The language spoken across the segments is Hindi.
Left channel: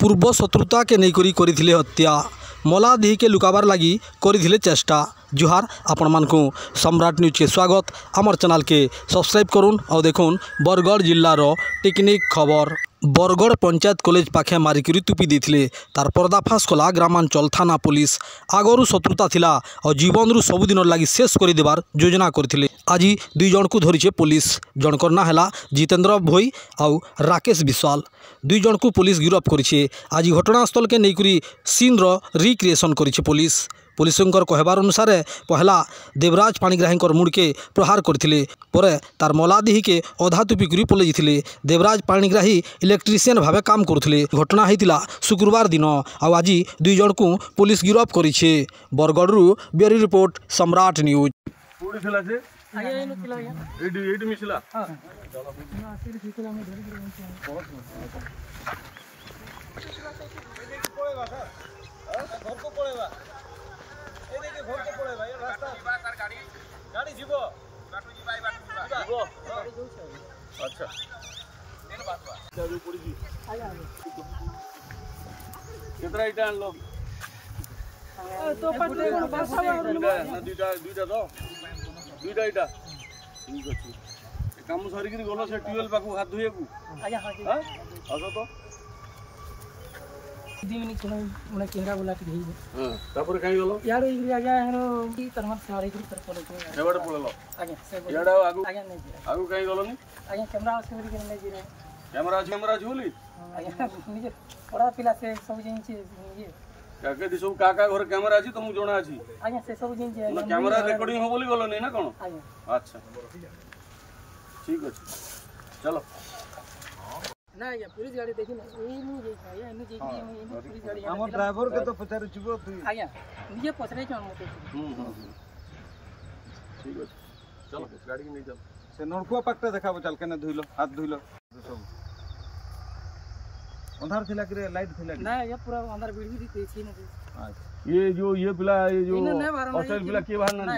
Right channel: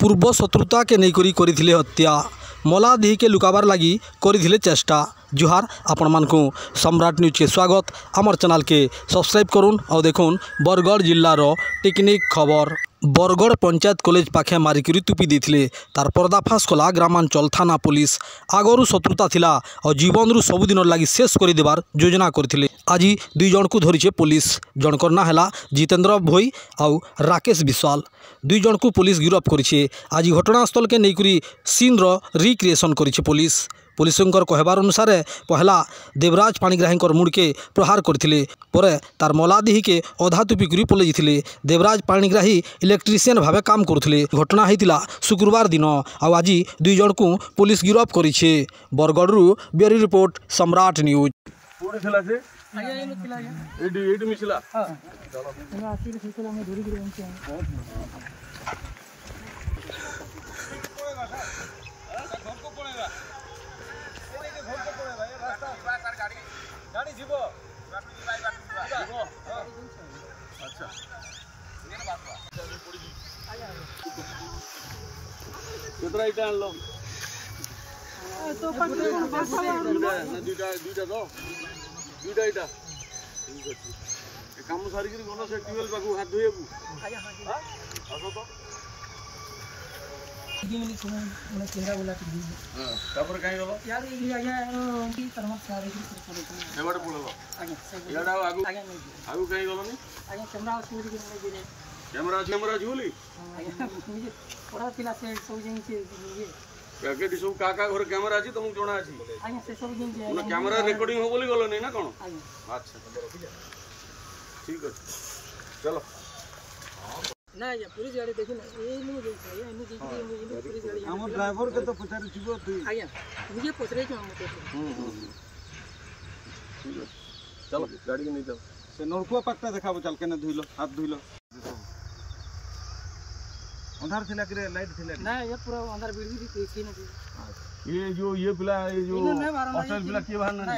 पूर्व शत्रुता के नहीं करी हत्या मला दी के लुकाबार लगी करी चेष्टा। जुहार आपण मानकु सम्राट न्यूज के स्वागत। आमर चैनल के सब्सक्राइब करुन और देखुन बरगढ़ जिल्लार टेक्निक खबर। बरगढ़ पंचायत कॉलेज पाखे मारिकी तुपी देते तार पर्दाफाश कला ग्रामांचल थाना पुलिस। आगरू शत्रुता थिला और जीवन रु सबुदिन लगी शेष कर देवार योजना करथिले। आज दुई जन को धरीचे पुलिस। जनकर ना है जितेंद्र भोई और राकेश विश्वाल। दुई जन को पुलिस गिरफ्त करिछे। आज घटनास्थल के नहींकरी सीन रिक्रिएशन करिछे पुलिस। पुलिसंकर कहबार अनुसार पहला देवराज पाणिग्राही मुड़के प्रहार करथिले परे तार मलादिही के अधा तुपी करी पलि जाइथिले। देवराज पाणिग्राही इलेक्ट्रिशियन भावे काम करुथिले। घटना होइतिला शुक्रवार दिन और आज दुई जन को पुलिस गिरफ्त करिछे। बरगढ़ ब्यूरो रिपोर्ट सम्राट न्यूज। गाड़ी जीवो अच्छा कितना इटा आनलो तो पटले कोन बासा ना दुईटा दो दुईटा इटा ठीक अछि काम सारी के गलो से ट्यूबवेल पाकू हाथ धोइबू आजा हां असो तो दिमिनी कोन मने चेहरा बोला कि धोइबू हां तापर काई गलो यार इगरी आजा एनो की तरमत सारे की कर पड़े तो एवड पड़लो आजा याडा आगु आजा नहीं आगु काई गलो नि आजा कैमरा सुरी के नहीं दिने कैमरा झूली आजा मुझे पड़ा पिला से सब जिन से ये काके सब काका घर कैमरा अछि तुम जोना अछि आजा से सब जिन जे कैमरा रिकॉर्डिंग हो बोली गलो नहीं ना कोन आजा अच्छा ठीक अछि चलो ना या पुलिस गाड़ी देखि ना ए नु देखा ये नु देखि ये पुलिस गाड़ी हमर ड्राइवर के तो पचार छिबो तू आया मुझे पसरे छ हम तो चलो गाड़ी के नहीं चल से नलकुआ पक्का देखाबो चल केने धुइलो हाथ धुइलो अंधार थिला कि लाइट थिला ना ये पूरा अंधार बिल्डिंग थी देखि ना ये पिला ये जो असल पिला के बाहर ना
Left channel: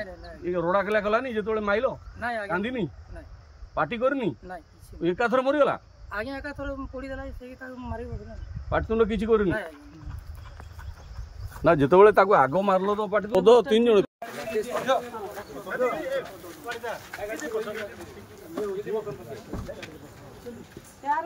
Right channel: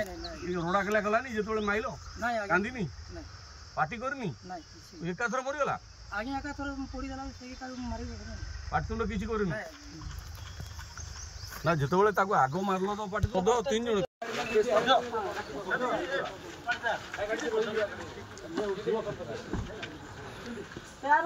ये रोड़ा केला गला नहीं जे तोड़े माइलो ना कांदी नहीं पार्टी करनी ना एका थर मरि गला आगे आका थोड़ा पड़ी देला से का मारी बदना पार्टी तुम किछि करनी ना जेतबेले ताको आगो मारलो तो पार्टी तो तीन जण यार